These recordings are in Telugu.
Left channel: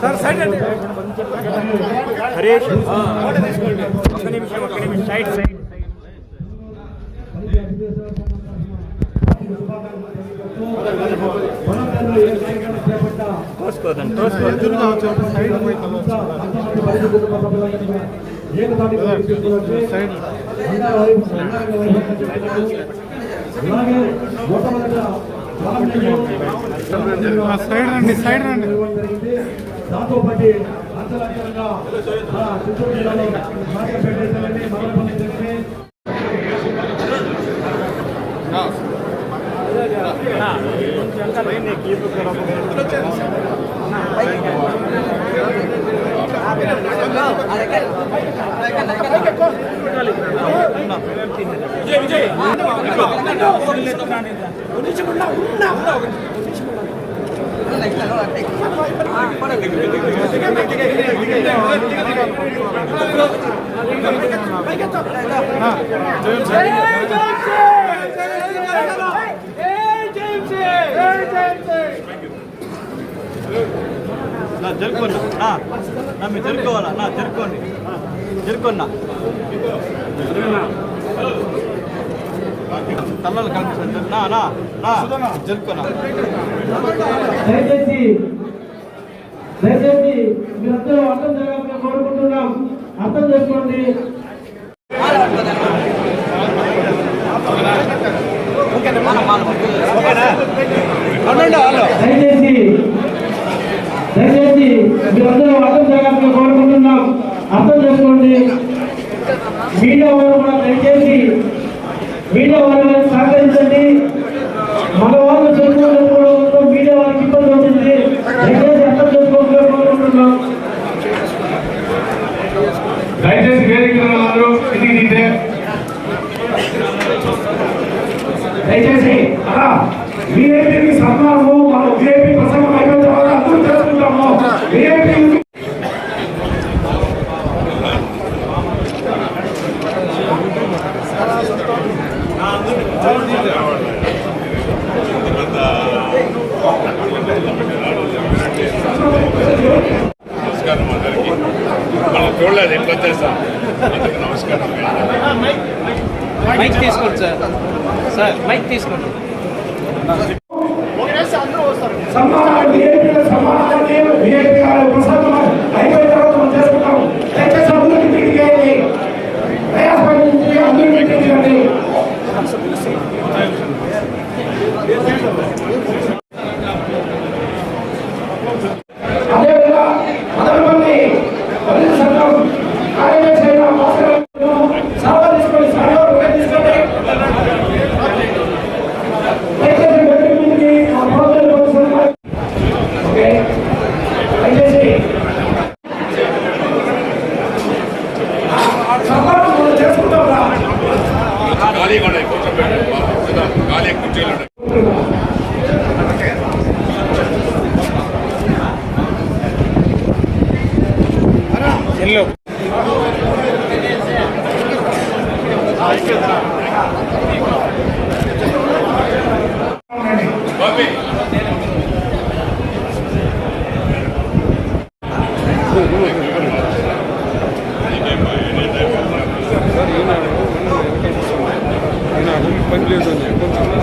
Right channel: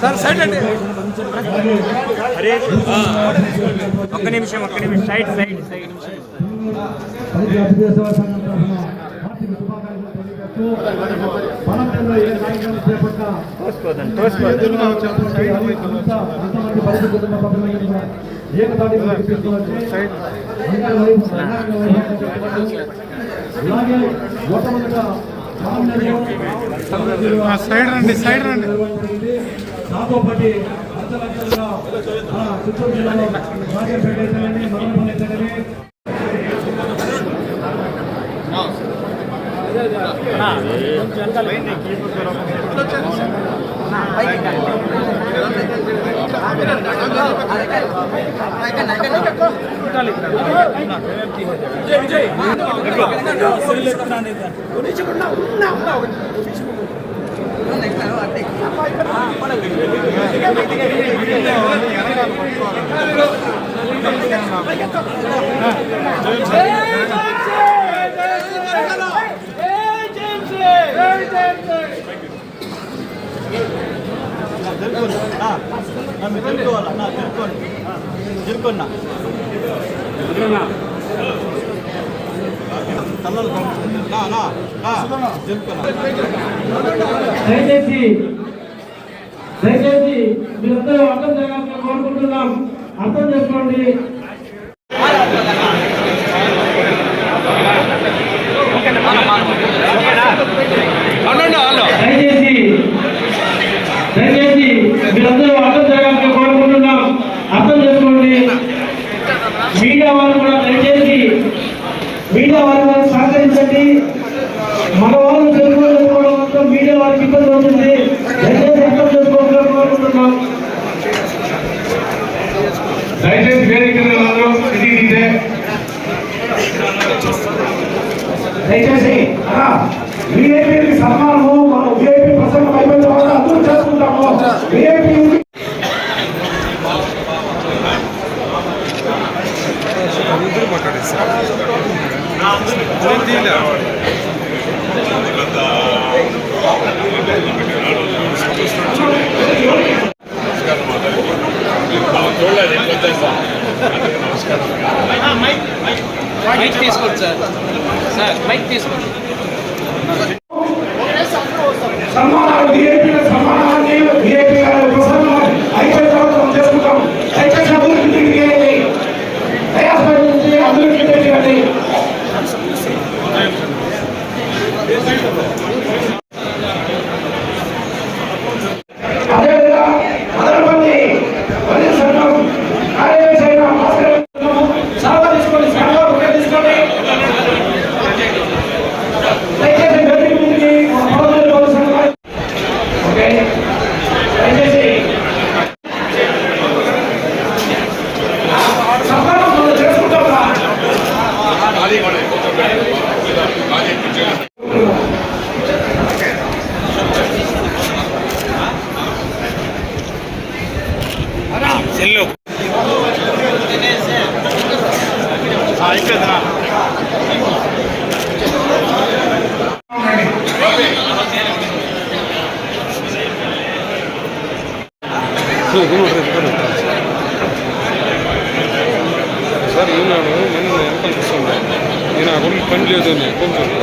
సార్ సైడ్ అండి. ఒక్క నిమిషం ఒక్క నిమిషం. Side side side. తోసుకోదండి తోసుకోదు సైడ్ రండి సైడ్ రండి. దాంతో పాటు అంతలంతలుగా చిత్తూరు జిల్లాలో మార్కెట్ అయితే కానీ మంగళపల్లి అయితే కానీ దయచేసి దయచేసి మీరందరూ అర్థం జరగాలని కోరుకుంటున్నాం. అర్థం చేసుకోండి.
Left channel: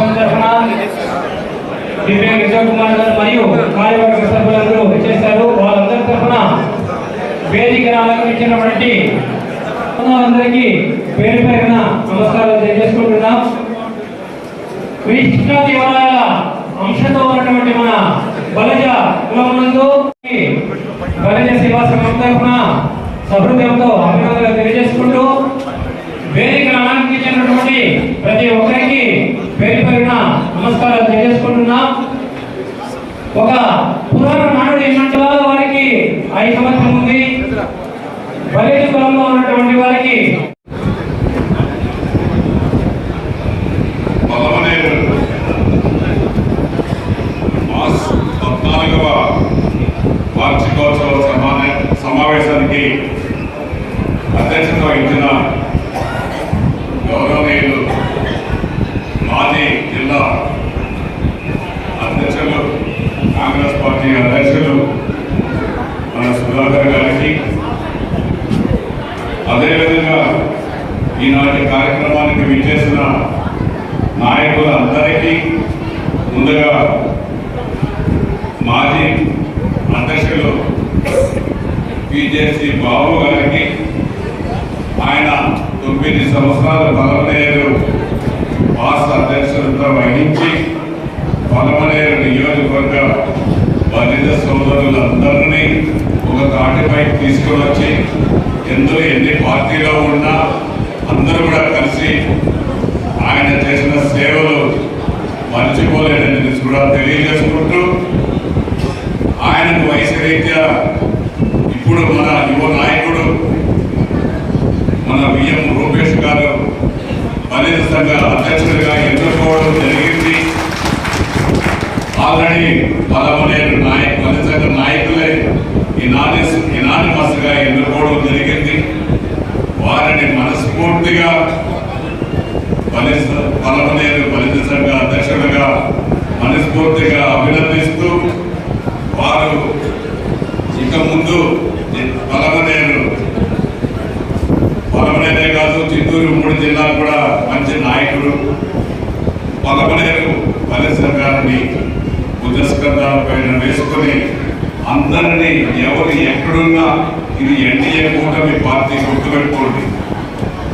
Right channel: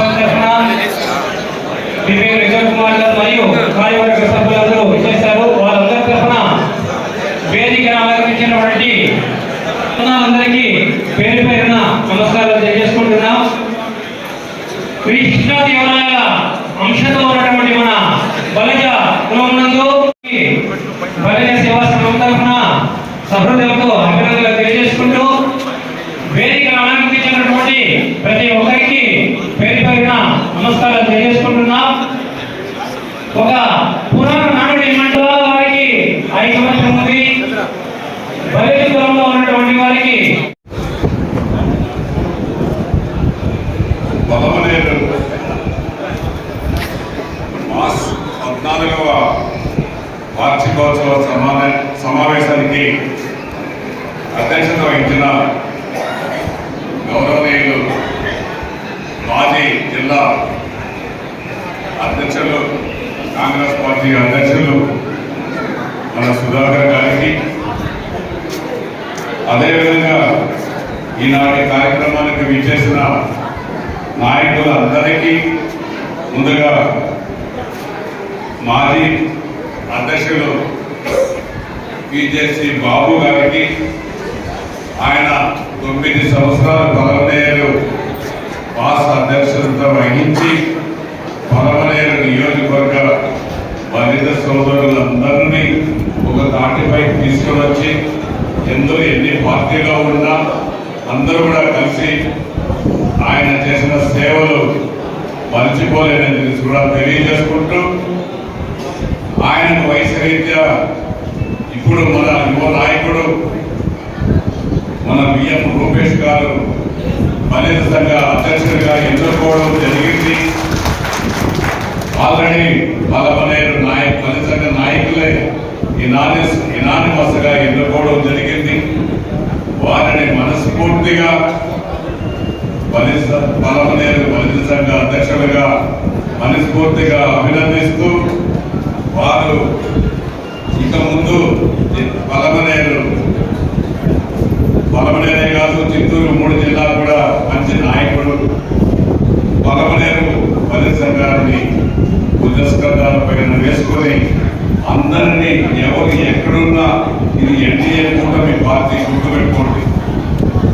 సందర్భన విజయ్ కుమార్ గారు మరియు కార్యవర్గ సభ్యులందరూ చేశారు వాళ్ళందరి తరఫున వేదిక అలంకరించినటువంటి అందరికీ పేరు పేరున నమస్కారాలు తెలియజేసుకుంటున్నాం. ఉన్నటువంటి మన బలజ కులం బలజ సేవా సంఘం తరఫున సహృదయంతో అభినందనలు తెలియజేసుకుంటూ వేదిక అలంకరించినటువంటి ప్రతి ఒక్కరికి పేరు పేరున నమస్కారాలు తెలియజేసుకుంటున్నాం ఒక మండల వారికి ఐదు సంవత్సరం ఉంది బలిత కులంలో ఉన్నటువంటి వారికి పదమనేరు మాస్ పద్నాలుగవ వార్షికోత్సవ సమాన సమావేశానికి అధ్యక్షత వహించిన గౌరవనీయులు మాజీ జిల్లా అధ్యక్షులు కాంగ్రెస్ పార్టీ అధ్యక్షులు మన సుధాకర్ గారికి. అదేవిధంగా ఈనాటి కార్యక్రమానికి విచ్చేసిన నాయకులందరికీ ముందుగా మాజీ అధ్యక్షులు పిజేసి బాబు గారికి ఆయన తొమ్మిది సంవత్సరాల పలమనేరు పాస్ అధ్యక్షులతో వహించి పలమనేరు నియోజకవర్గ బాధిత సోదరులందరినీ ఒక తాటిపై తీసుకొని వచ్చి ఎందులో ఎన్ని పార్టీలో ఉన్నా అందరూ కూడా కలిసి ఆయన చేసిన సేవలు మర్చిపోలేదని కూడా తెలియజేసుకుంటూ ఆయనకు వయసు రీత్యా ఇప్పుడు మన యువ నాయకుడు మన బిఎం రూపేష్ గారు బలిత సంఘ అధ్యక్షుడిగా ఎన్నుకోవడం జరిగింది ఆల్రెడీ బలమైన నాయక బలిత నాయకులే ఇనానిస్ ఇనానిమస్గా ఎన్నుకోవడం జరిగింది. వారిని మనస్ఫూర్తిగా బలిత బలమనేరు బలిత సంఘ అధ్యక్షుడిగా మనస్ఫూర్తిగా అభినందిస్తూ వారు ఇక ముందు బలమనేరు బలమనేరే కాదు చిత్తూరు మూడు జిల్లాలు కూడా మంచి నాయకుడు బలమనేరు బలిత సంఘాన్ని బుద్ధస్కంధాల పైన వేసుకొని అందరినీ ఎవరు ఎక్కడున్నా ఇది ఎన్డీఏ కూటమి పార్టీ గుర్తుపెట్టుకోండి.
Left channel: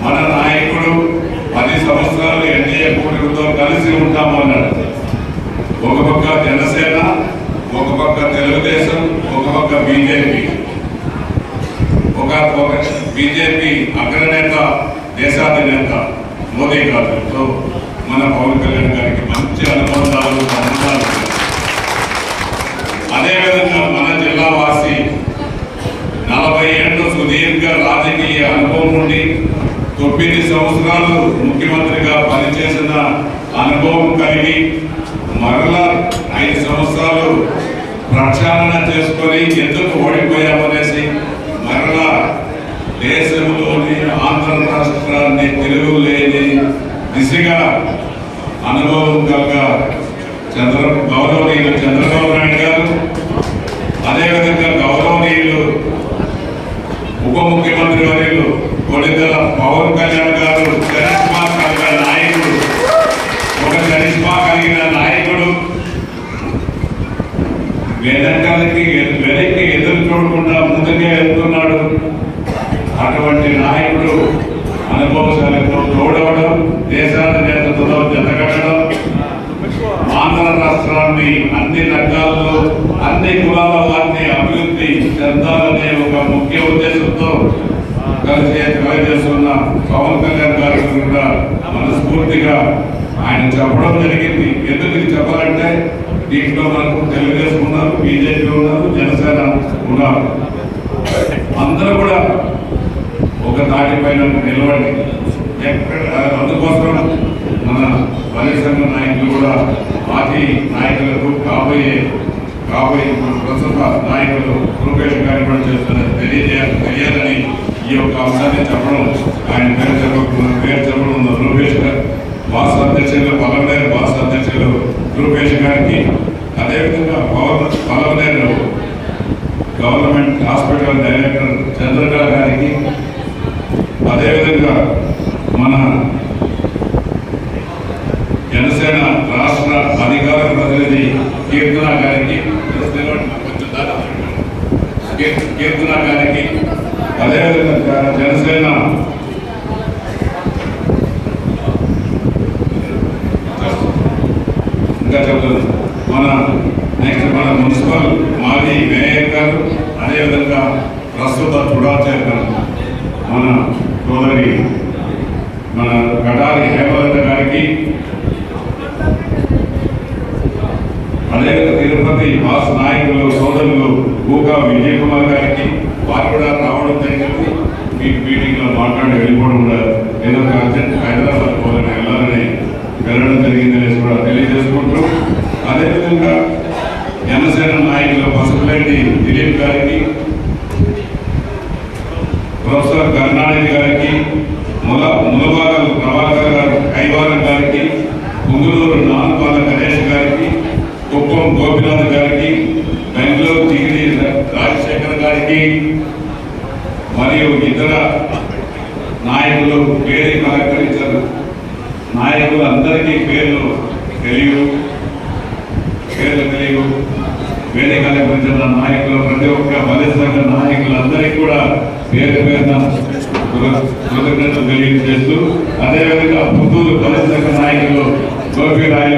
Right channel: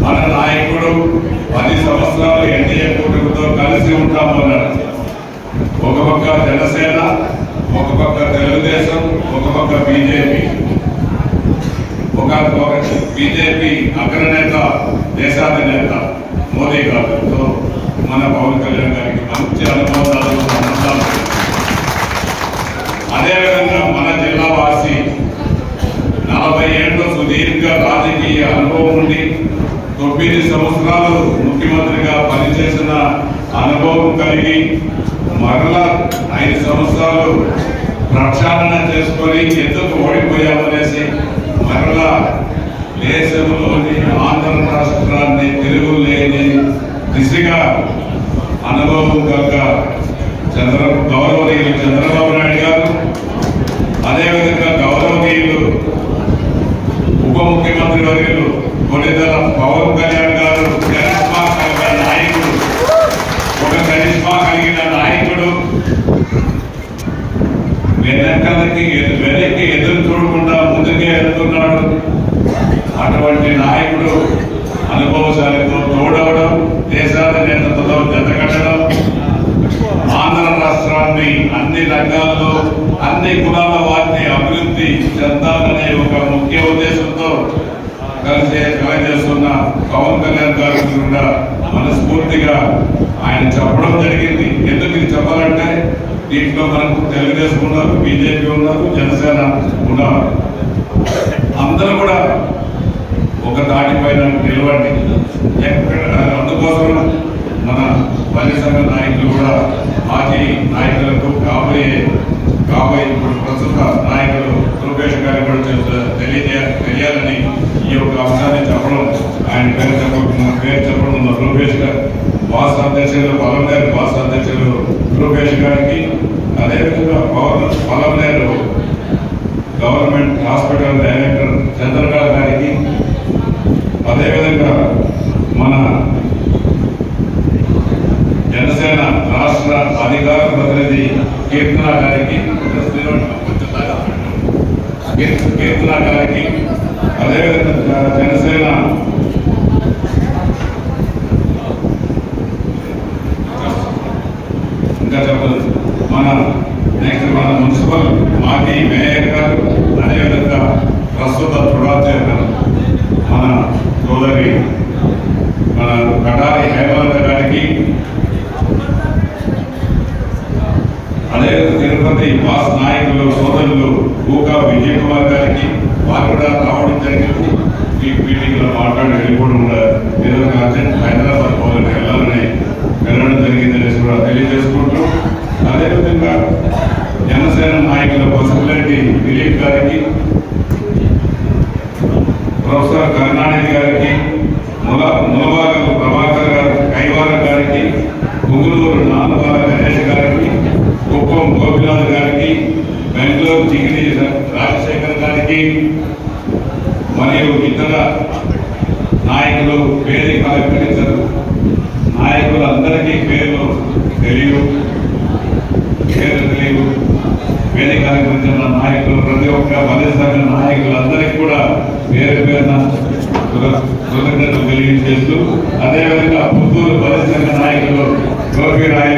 మన నాయకుడు పది సంవత్సరాలు ఎన్డీఏ కూటమితో కలిసి ఉంటామన్నాడు ఒక పక్క జనసేన ఒక పక్క తెలుగుదేశం ఒక పక్క బీజేపీ. ఒక బీజేపీ అగ్రనేత దేశాధినేత మోదీ గారితో మన పవన్ కళ్యాణ్ గారికి మంచి అనుబంధాలు సంబంధాలు అదేవిధంగా మన జిల్లావాసి. నలభై ఏళ్ళు సుదీర్ఘ రాజకీయ అనుభవం నుండి తొమ్మిది సంవత్సరాలు ముఖ్యమంత్రిగా పనిచేసిన అనుభవం కలిగి మరలా ఐదు సంవత్సరాలు ప్రక్షాళన చేసుకొని ఎందుకు ఓడిపోయామనేసి పవన్ కళ్యాణ్ గారు కూడా మనస్ఫూర్తిగా ఆయన చెప్పడం జరిగింది. ఎందుకు ఇది చెప్పాలంటే దీంట్లో మనకు తెలుగుదేశం ఉన్నారు బీజేపీ ఉన్నారు జనసేన ఉన్నారు. అందరూ కూడా ఒక దాటిపైన నిలవండి ఎక్కడ అందుకోసం మన వలయ సంఘ నాయకులు కూడా మాజీ నాయకులకు కాబోయే రాబోయే ప్రస్తుత నాయకులు రూపేష్ గారి కూడా తెలియజే తెలియాలని ఈ యొక్క అంశాన్ని చెప్పడం ఆయన పేరు చెప్పడం పేరు చెప్పడం రూపేష్ గారు బాస్ అధ్యక్షులు పలమనేరు బాస్ అధ్యక్షులు రూపేష్ గారికి అదేవిధంగా Pawan Palamaner government hospital director Chandrarao గారి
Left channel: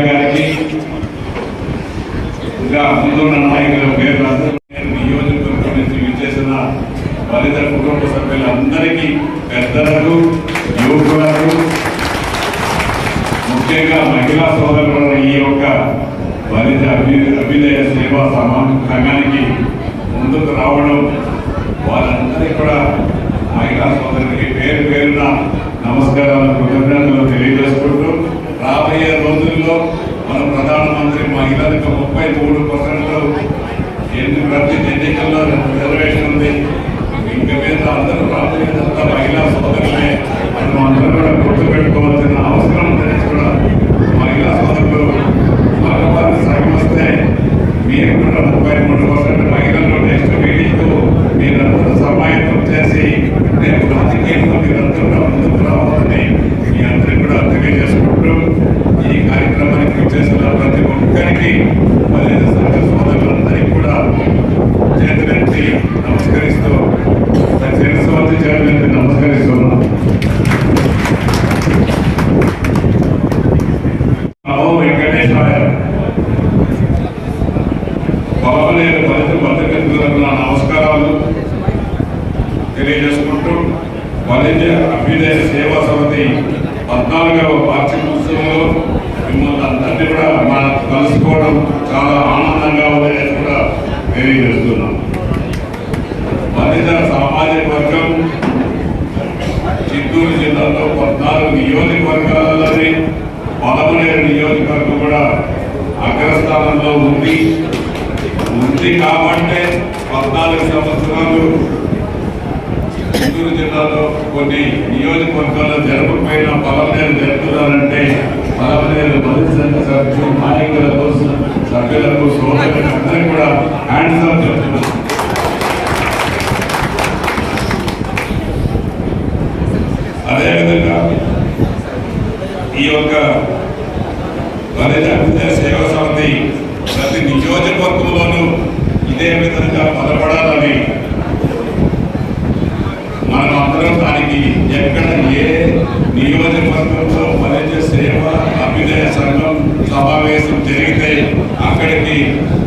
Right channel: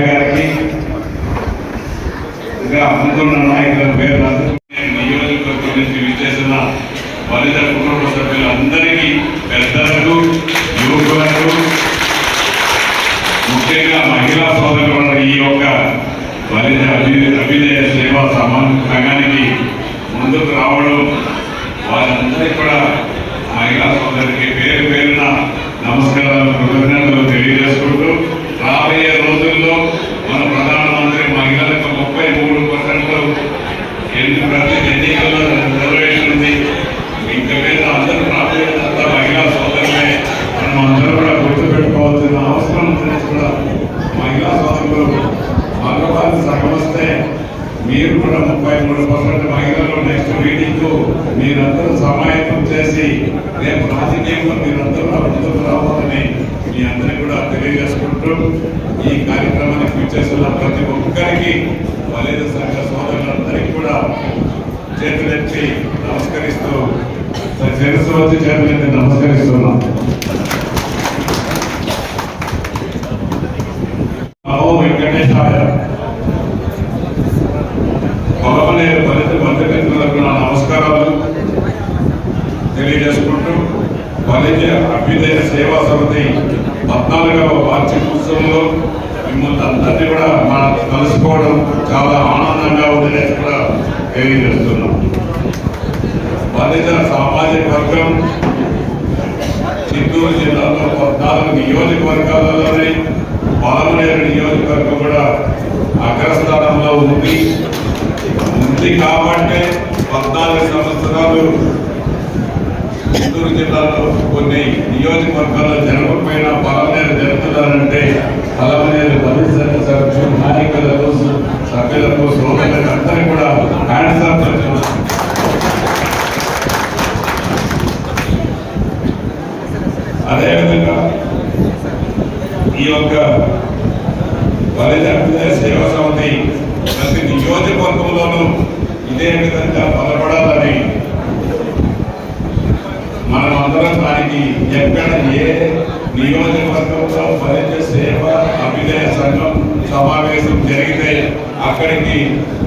గారికి ఇంకా ముందున్న నాయకుల పేరు రాదు మీరు కూడా ముప్పై మూడు పర్సెంట్ మహిళలు నెక్స్ట్ మీటింగ్ మీరందరూ సమాయత్తం చేసి రేపు రాజకీయంలో మీరు very good. అక్కడికి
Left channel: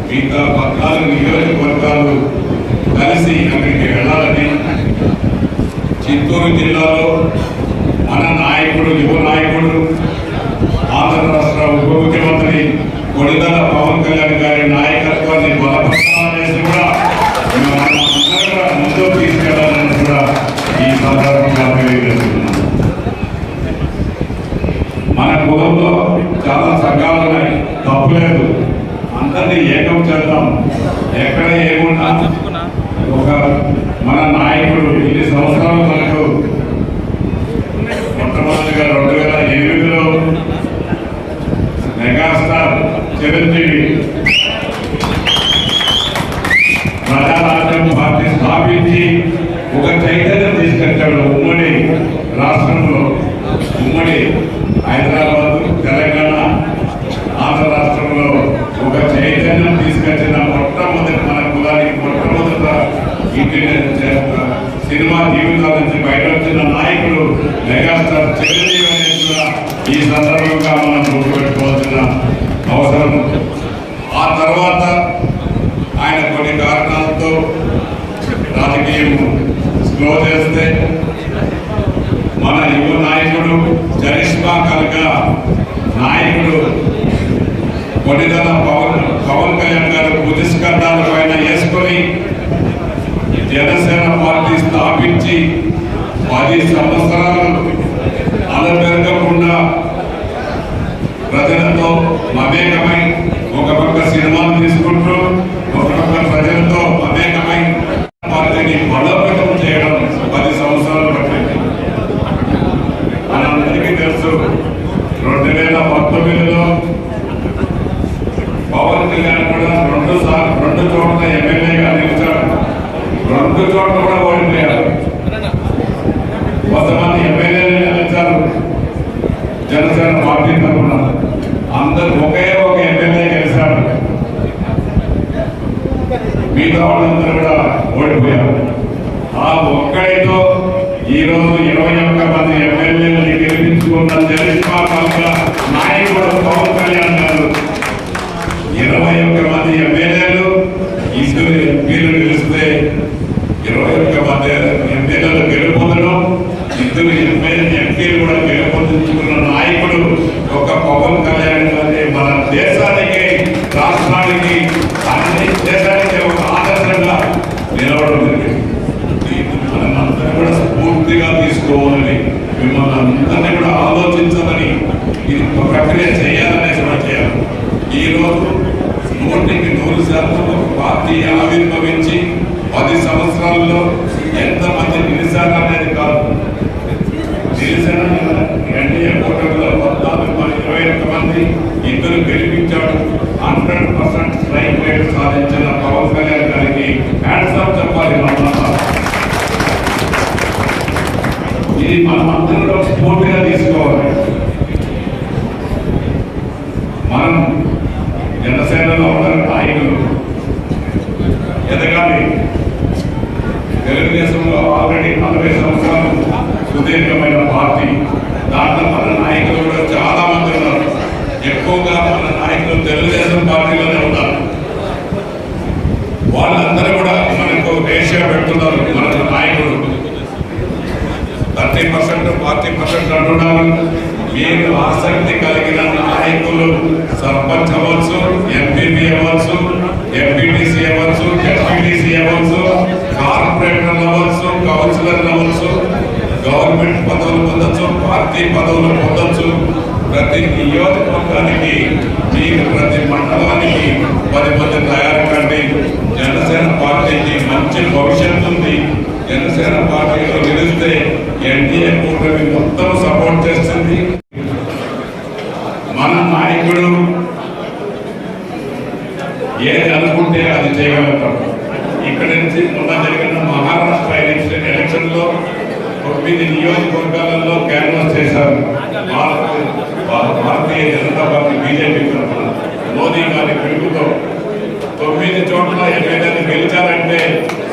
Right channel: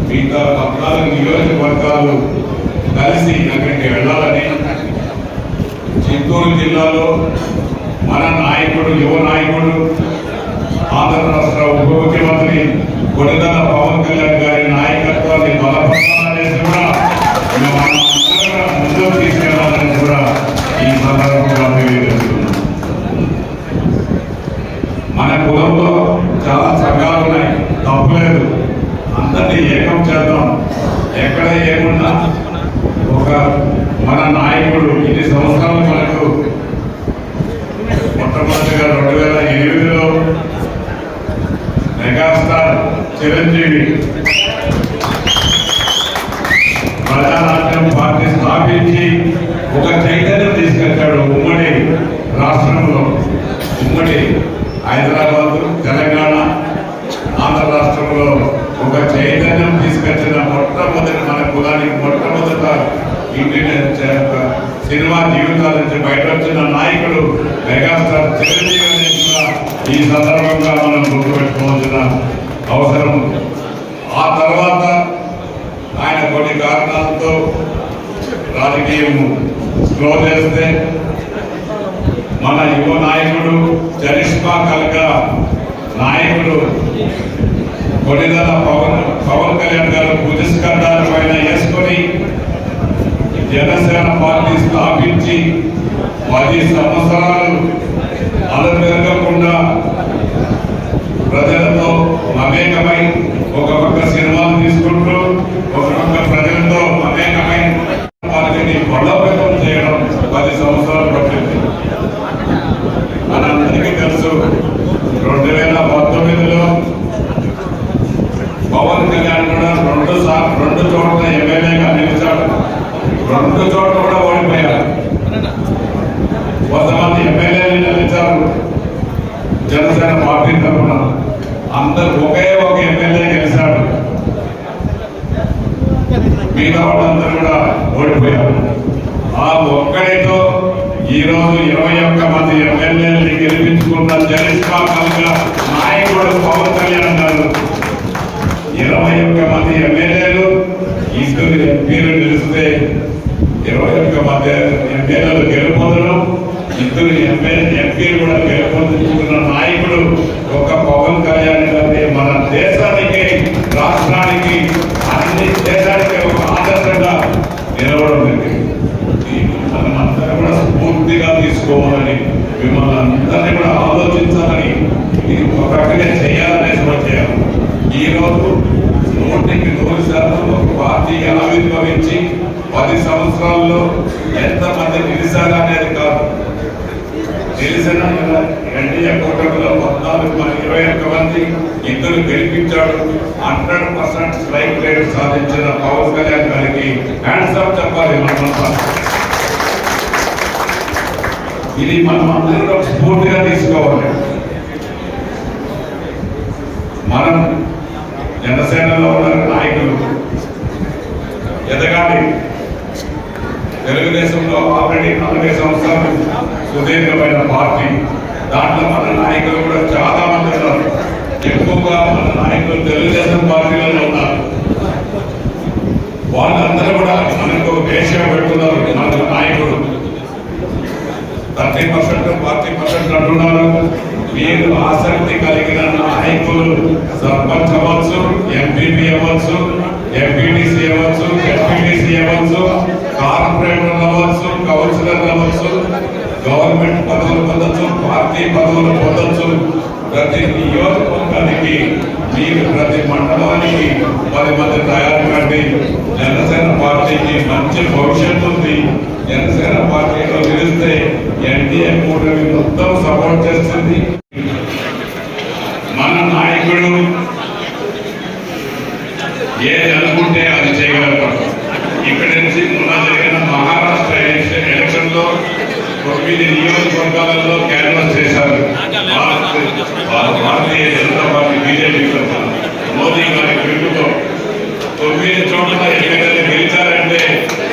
మిగతా పార్టీ తరఫున అందరు ఒకే ఒక ఎమ్మెల్యే గెలిచాడు మిగతా వాళ్ళందరూ కూడా ఓడిపోయారు. ఆ ఒక్కడితో ఈరోజు ఇరవై ఒక్క మంది ఎమ్మెల్యేలని గెలిపించుకున్న చరిత్ర పలక నాయకుడు పవన్ కళ్యాణ్ గారు ఇరవై ఒక్క మంది ఎమ్మెల్యేలు ఇద్దరు ఎంపీలు గెలిస్తే ఇరవై ఒక్క మంది ఎమ్మెల్యేలు గెలుపొందడం ఇద్దరు ఎమ్మెల్యే ఎంపీలు కూడా గెలుపొందించుకున్న నాయకుడు ఒక పవన్ కళ్యాణ్ గారి మన దేశానికి రాష్ట్రానికి అన్ని దేశానికి ఒక ఆదర్శంగా నిలవడం జరిగింది దీన్ని మనం అందరం కూడా స్ఫూర్తిగా తీసుకోవాలని మిమ్మల్ని అందరినీ కూడా ఆలోచించాలని ఇది ఒక ప్రక్రియ చేయాలనే చోట చేయాలి. ఈ రోజు నూటికి నూరు శాతం పార్టీ ఆవిర్భవించి పది సంవత్సరాల్లో ఎంతమంది నిలిచారు అనేది కాదు. నిలిచిన ఎన్డీఏ కూటమిలో పద్నాలుగు ఇరవై ఒక్క మంది ఇద్దరు గెలిపించాడు. హండ్రెడ్ పర్సెంట్ స్ట్రైక్ రేట్ సాధించిన పవన్ కళ్యాణ్ గారికి హ్యాండ్స్ అప్ చెప్పాలి ఇది మనం అందరం స్ఫూర్తిగా తీసుకోవాలి మనం జనసేనలో ఉన్న నాయకులు ఎదగాలి తెలుగుదేశంలో ఆల్రెడీ నలభై సంవత్సరాలు సుదీర్ఘమైన పార్టీ. దాంట్లో మన నాయకులు కూడా చాలా మంది ఉన్నారు. ఎక్కువగా మన నాయకులు తెలుగుదేశం పార్టీలోనే ఉన్నారు. వాళ్ళందరూ కూడా మనకు రేషియో పెడుతున్నారు మన నాయకులు. థర్టీ పర్సెంట్ ఫార్టీ పర్సెంట్ అంటున్నారు. మీరు ఆసక్తి కలిగిన నాయకులు సర్పంచ్ అవ్వచ్చు ఎంపీపీ అవ్వచ్చు ఎంపీటీసీ గవర్నమెంట్ పదవులు పొందొచ్చు పార్టీ పదవులు పొందొచ్చు. ప్రతి నియోజకవర్గానికి మీరు ప్రతి మండలానికి పది మంది తయారు కండి. జనసేన పార్టీకి మంచి భవిష్యత్తు ఉంది. జనసేన పార్టీలో గెలిస్తే ఎన్డీఏ కూటమి మొత్తం సపోర్ట్ చేస్తుంది. మన నాయకుడు ఏది అనుకుంటే అది చేయగలుగుతాడు. ఇక్కడి నుంచి మొన్న జరిగిన మహా తొమ్మిది నియోజకవర్గాలలో క్యాన్వాస్ చేశారు. భారతీయ జనతా పార్టీ బీజేపీ తరఫున మోదీ గారి పిలుపుతో తొమ్మిది చోట్ల ఎన్నికలు గెలిచారంటే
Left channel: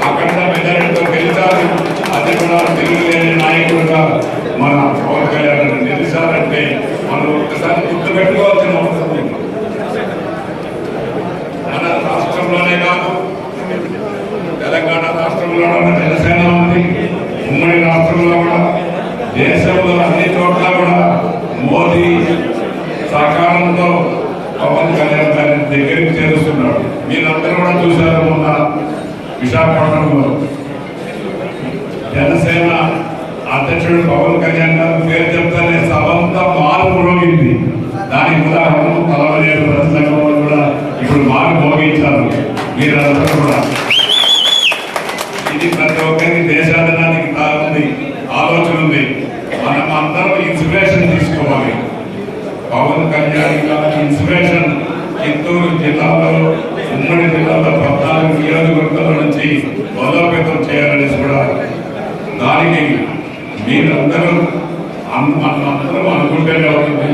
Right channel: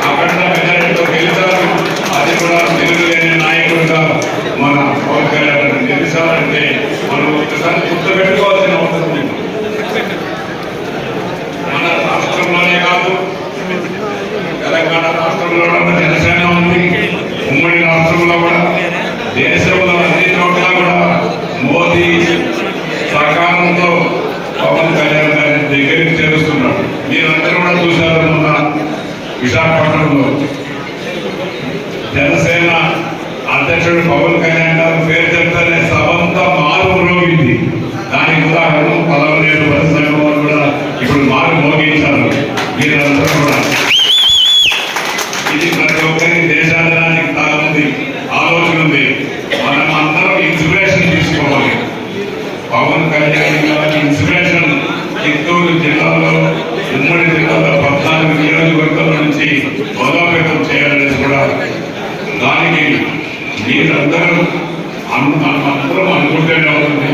అఖండ మెజారిటీతో గెలిచారు అది కూడా తిరుగులేని నాయకుడిగా మన పవన్ కళ్యాణ్ గారు గెలిచారంటే మనం ఒకసారి గుర్తు పెట్టుకోవాల్సిన అవసరం ఉంది మన రాష్ట్రంలోనే కాదు తెలంగాణ రాష్ట్రంలో కూడా జనసేన ఉంది ఉమ్మడి రాష్ట్రంలో కూడా దేశంలో అన్ని చోట్ల కూడా మోదీ సహకారంతో పవన్ కళ్యాణ్ గారిని దగ్గరికి చేరుస్తున్నాడు మీరందరూ కూడా చూశారు మొన్న విశాఖపట్నంలో జనసేన అధ్యక్షుడు పవన్ కళ్యాణ్ గారు పేరు చెప్తానే సభంతా మారు మ్రోగింది దానికి ఉదాహరణ పదవనేరు సంఘం వారు కూడా ఇప్పుడు మారు మోగించారు మీరందరూ కూడా ఇది ప్రతి ఒక్కరి దేశాధనానికి ఉంది ఆలోచన ఉంది మనం అందరం ఇన్స్పిరేషన్ తీసుకోవాలి పవన్ కళ్యాణ్ గారి ఇన్స్పిరేషన్ చిత్తూరు జిల్లాలో ఉమ్మడి జిల్లాలో పద్నాలుగు నియోజకవర్గాల నుంచి బలోపేతం చేయాలనేసి కూడా దానికి మీరందరూ అన్- అన్- అందరం అనుకుంటూనే అవుతుంది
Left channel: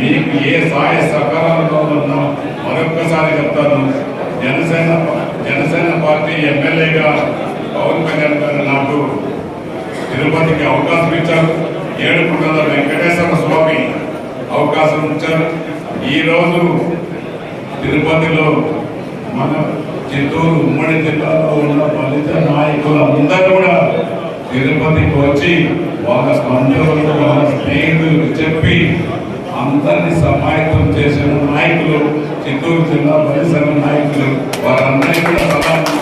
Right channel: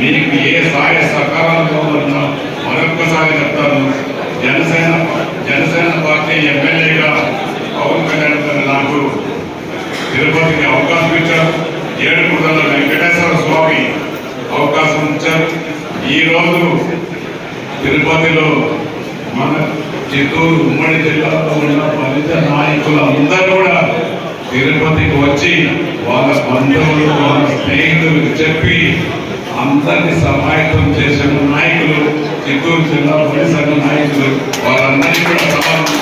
మీకు ఏ సహాయ సహకారాలతో ఉన్నా మరొక్కసారి చెప్తాను జనసేన జనసేన పార్టీ ఎమ్మెల్యేగా పవన్ కళ్యాణ్ గారు నాకు తిరుపతికి అవకాశం ఇచ్చారు. ఏడుగుంటల వెంకటేశ్వర స్వామి అవకాశం ఇచ్చారు. ఈరోజు తిరుపతిలో మన చిత్తూరు ఉమ్మడి జిల్లాలో ఉన్న ఫలిత నాయకులు అందరూ కూడా తిరుపతికి వచ్చి వాళ్ళ బంధువులు వాళ్ళ స్నేహితులు చెప్పి అందరినీ సమాయత్తం చేసిన నాయకులు చిత్తూరు జిల్లా పరిసర నాయకులు వారందరినీ కూడా సమాజం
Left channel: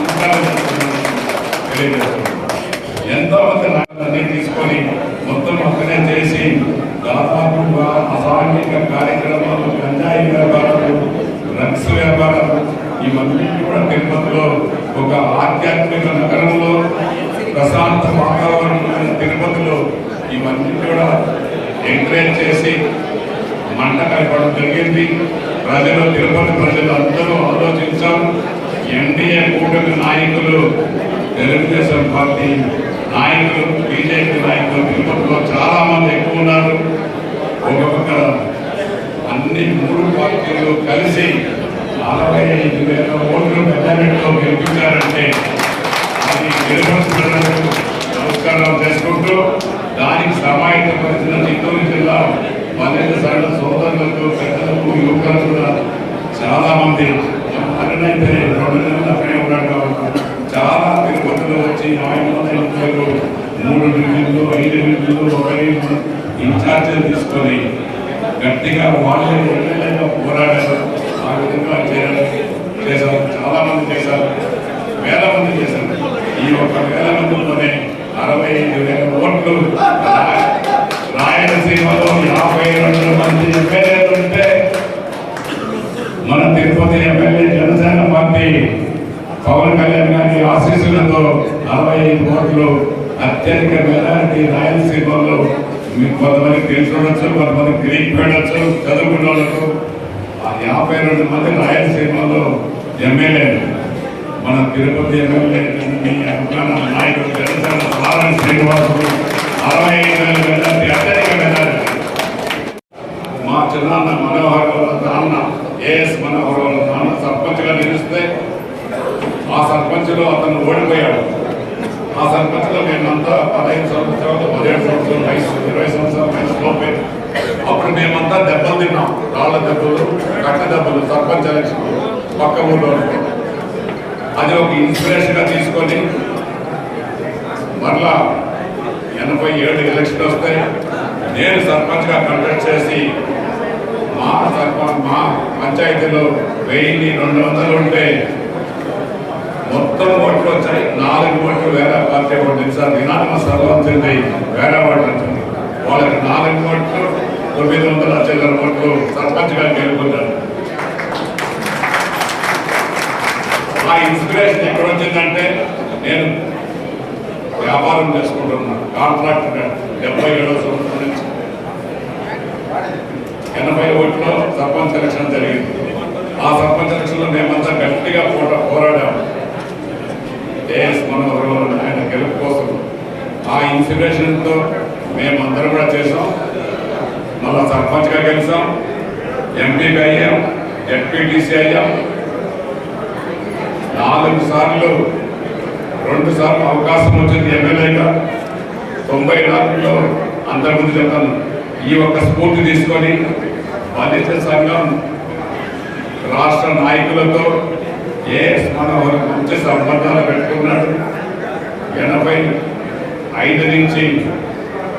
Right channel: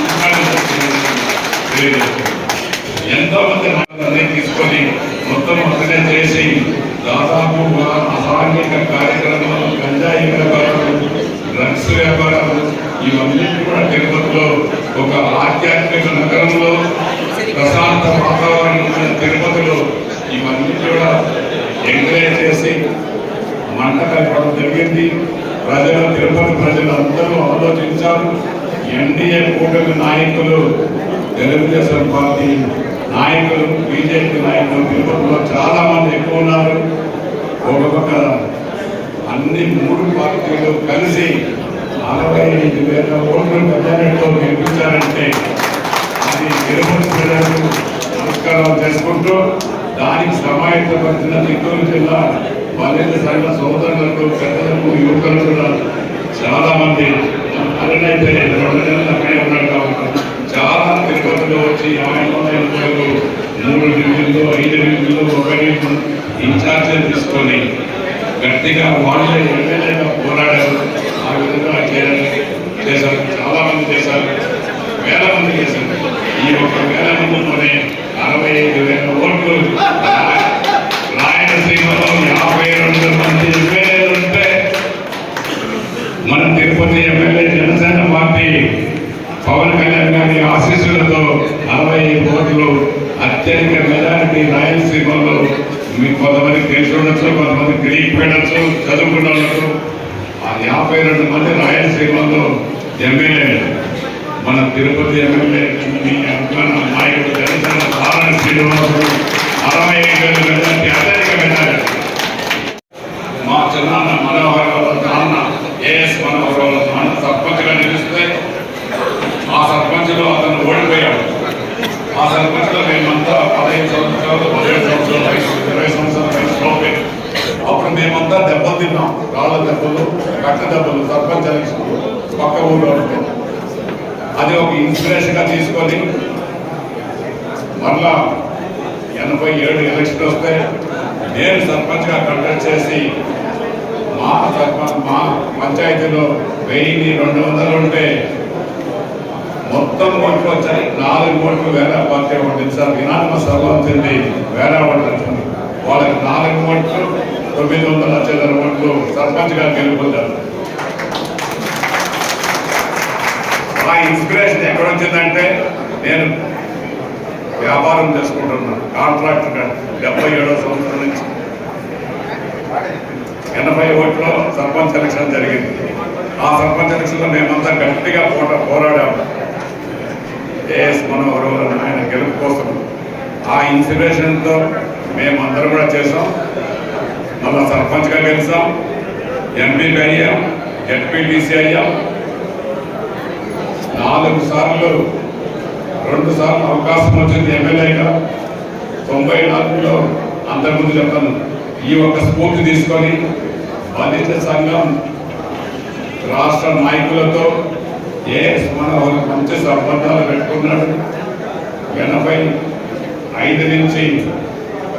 ఎంతోమంది మంది తీసుకొని మొత్తం అక్కడే చేసి దాదాపు అసాంఘిక కార్యక్రమాలు గంజాయి వ్యాపారాలు డ్రగ్స్ వ్యాపారాలు ఇవన్నీ కూడా తిరుపతిలో ఒక ఆధ్యాత్మిక నగరంలో ప్రశాంత వాతావరణం తిరుపతిలో ఇవన్నీ కూడా ఎంకరేజ్ చేసి మంట కలపడం జరిగింది. ప్రజలు తిరుపతి ప్రజలు అందరూ ఆలోచించారు. ఎన్డీఏ కూటమి నాయకులు తెలుగుదేశం పార్టీ నాయకులు బీజేపీ నాయకులు తిరుపతిలో చాలా మంది ఎక్కువ ఉన్నారు. ఒక పక్క అన్ని మూడు పార్టీలు కలిసి నలభై ఐదు వేల ఓట్లు మెజారిటీలో గెలిపించారంటే అది తిరుపతి ప్రజలకు నమస్కారం చేసుకుంటూ దానికి సమాయత్తం వచ్చిన చిత్తూరు జిల్లా పల్లెల సంఘ సోదరులకు పెద్దలకు యువకులకు కూడా చాలా మంది అన్నైతే రెండు నెలలు అక్కడే ఉన్నాడు చాలా తిరుపతిలో వచ్చి ఆయన మూడు నిధులు ఐదు నిధులు ఒక నిధులు ఇన్ఛార్జీలు తీసుకొని గట్టిగా వాళ్ళు ఎమ్మెల్యేగా పోరాడారు. ఆ విధంగా చేశారు. చాలా మంది చేశారు. వేల మంది చేశారు. ఈ ఒక వేల మందితోనే అరవై ఐదు వేల ఓట్లు రాయలసీమలో యాభై రెండు మంది ఎమ్మెల్యేలు ఉంటే మన తిరుపతి ఎమ్మెల్యే జనసేన పార్టీ పవన్ కళ్యాణ్ ఓట్లు అత్యధిక మెజారిటీ రాయలసీమలో మీకు కొంతమంది తెలిసి ఉండొచ్చు కొంతమంది తెలియకపోయినచ్చు చదువుకున్న ఉండొచ్చు యాభై రెండు మంది రాయలసీమలో ఎమ్మెల్యేలు మన తిరుపతి ఎమ్మెల్యే మీ అభిమాన నాయకుడు జనసేన పాలన శ్రీనివాసుడు అరవై ఐదు వేల మెజారిటీ అత్యధిక మెజారిటీ. మా చిన్న మనోహర్ వాళ్ళ నాన్న ఏఎస్ మనోహర్ వాళ్ళ నాన్న సర్పంచ్గా నిలిస్తే ఆ సర్పంచ్లో అతను ఓడిపోయాడు ఆ సర్పంచ్లో మేమంతా పదహైదు సంవత్సరాలు పదిహేడు సంవత్సరాలు వయసు ఇరవై సంవత్సరాల వయసులోపే అప్పుడు మేమంతా దెబ్బలు తిన్నాం రాళ్ళ దెబ్బలు కట్ట దెబ్బలు సర్పంచ్ ఎలక్షన్ పక్క ఊళ్ళో ఉంటే అది ఒక ఇన్స్పిరేషన్గా తీసుకొని మరలా ఎనభై ఏడు ఎలక్షన్ వస్తే నేను సర్పంచ్గా కండక్ట్ చేసి మా సర్పంచ్ మా పంచాయతీలో వెయ్యి రెండు వందలు ఉంటే మొత్తం ఓట్లు వచ్చాయి. నాలుగు ఓట్లు వేరే పార్టీ ఓట్లు. సార్ వినాయక సభ వచ్చింది వేరే ఓట్లు వచ్చింది వాళ్ళకి నాలుగు ఓట్లు తొమ్మిది వందల చిల్లర ఓట్లు సర్పంచ్గా గెలుపొందారు. ఆ ఇన్స్పిరేషన్ ఎక్కడ వచ్చిందంటే నేను వ్యాపారం చేసుకుంటున్నాను కాంట్రాక్టర్ డెబ్బై ఏడో సంవత్సరం నుంచి. ఎనభై ఓట్లో సర్పంచ్ ఎలక్షన్ జరిగింది. ఆ సర్పంచ్ ఎలక్షన్లో మేమంతా గట్టిగా పోట పోరాడాము. ఏఎస్ మనోహర్ ఆయన గెలుపు కోసం. ఆ ఇన్స్పిరేషన్తో మేమందరం కూడా చేసాం మళ్ళా సర్పంచ్గా గెలిచాం ఎంపీగా అయ్యాం. ఎస్పీటీసీ అయ్యాం. నాలుగు సార్లు రెండు సార్లు అవకాశం వచ్చింది ఎమ్మెల్యేగా. తొంభై నాలుగులో అంతకుముందు చెప్పాను ఈ ఒక్క స్ఫూర్తి తీసుకొని బాధిత సంఘం రాష్ట్ర నాయకులతో ఏ మన మంచి సంబంధాలు పెట్టుకున్నాడు. ఎనభై ఐదు నుంచి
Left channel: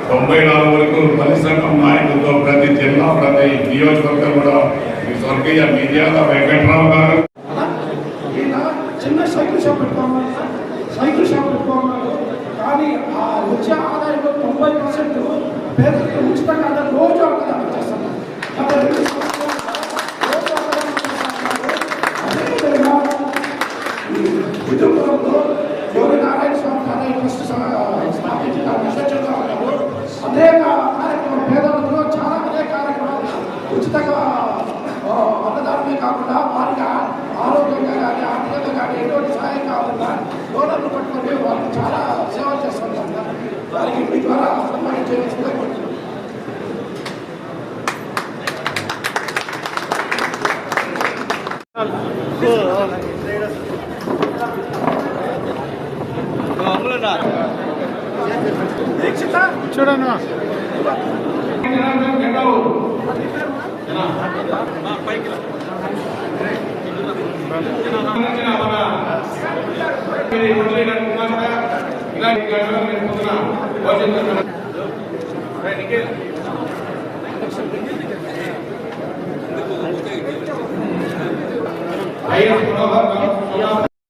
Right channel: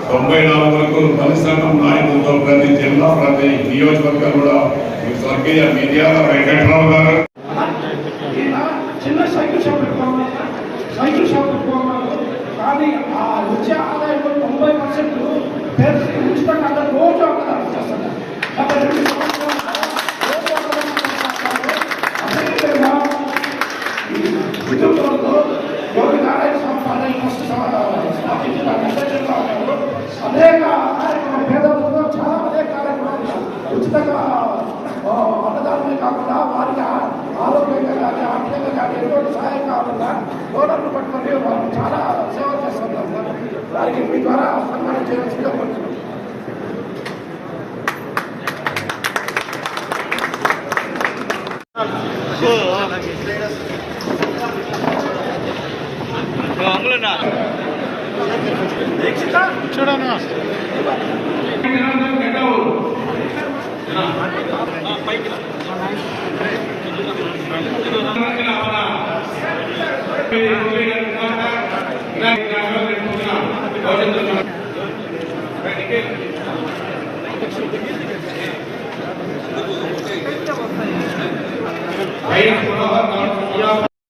తొంభై నాలుగు వరకు పని సంఘం నాయకులతో ప్రతి జిల్లా ప్రతి నియోజకవర్గం కూడా స్వర్గీయ మీడియాల వెంకట్రావు గారు. చిన్న సైకిల్ షాప్ పెట్టుకోమన్నారు సైకిల్ షాప్ పెట్టుకోమన్నారు. కానీ ఆ వచ్చే ఆదాయంలో తొంభై పర్సెంట్ పేదలకు ఉచితంగా అందరూ రోజు అన్నదానం చేస్తున్నారు గత రెండు సంవత్సరాలుగా రోజు అన్నదానం చేస్తున్నారు అదేవిధంగా ఈ కుటుంబంలో యోగి నారాయణ స్వామి పదవి ఫస్ట్ స్థాపించిన అధ్యక్షులుగా ఉన్నారు అనేక కార్యక్రమాలు పేదలకు చాలా అనేక కార్యక్రమాలు ఉచితంగా ఆ, అన్నదానమే కాకుండా వారికి ఆ- ఆరోగ్యంగా కానీ ఆర్థికంగా కానీ ఎటువంటి సహాయం కావాలన్నా డోనర్లు పట్టుకొని వాళ్ళకి చాలా సేవలు చేస్తున్నారు వారికి మీ ద్వారా సన్మానం చేయవలసిందిగా కోరుతున్నాం.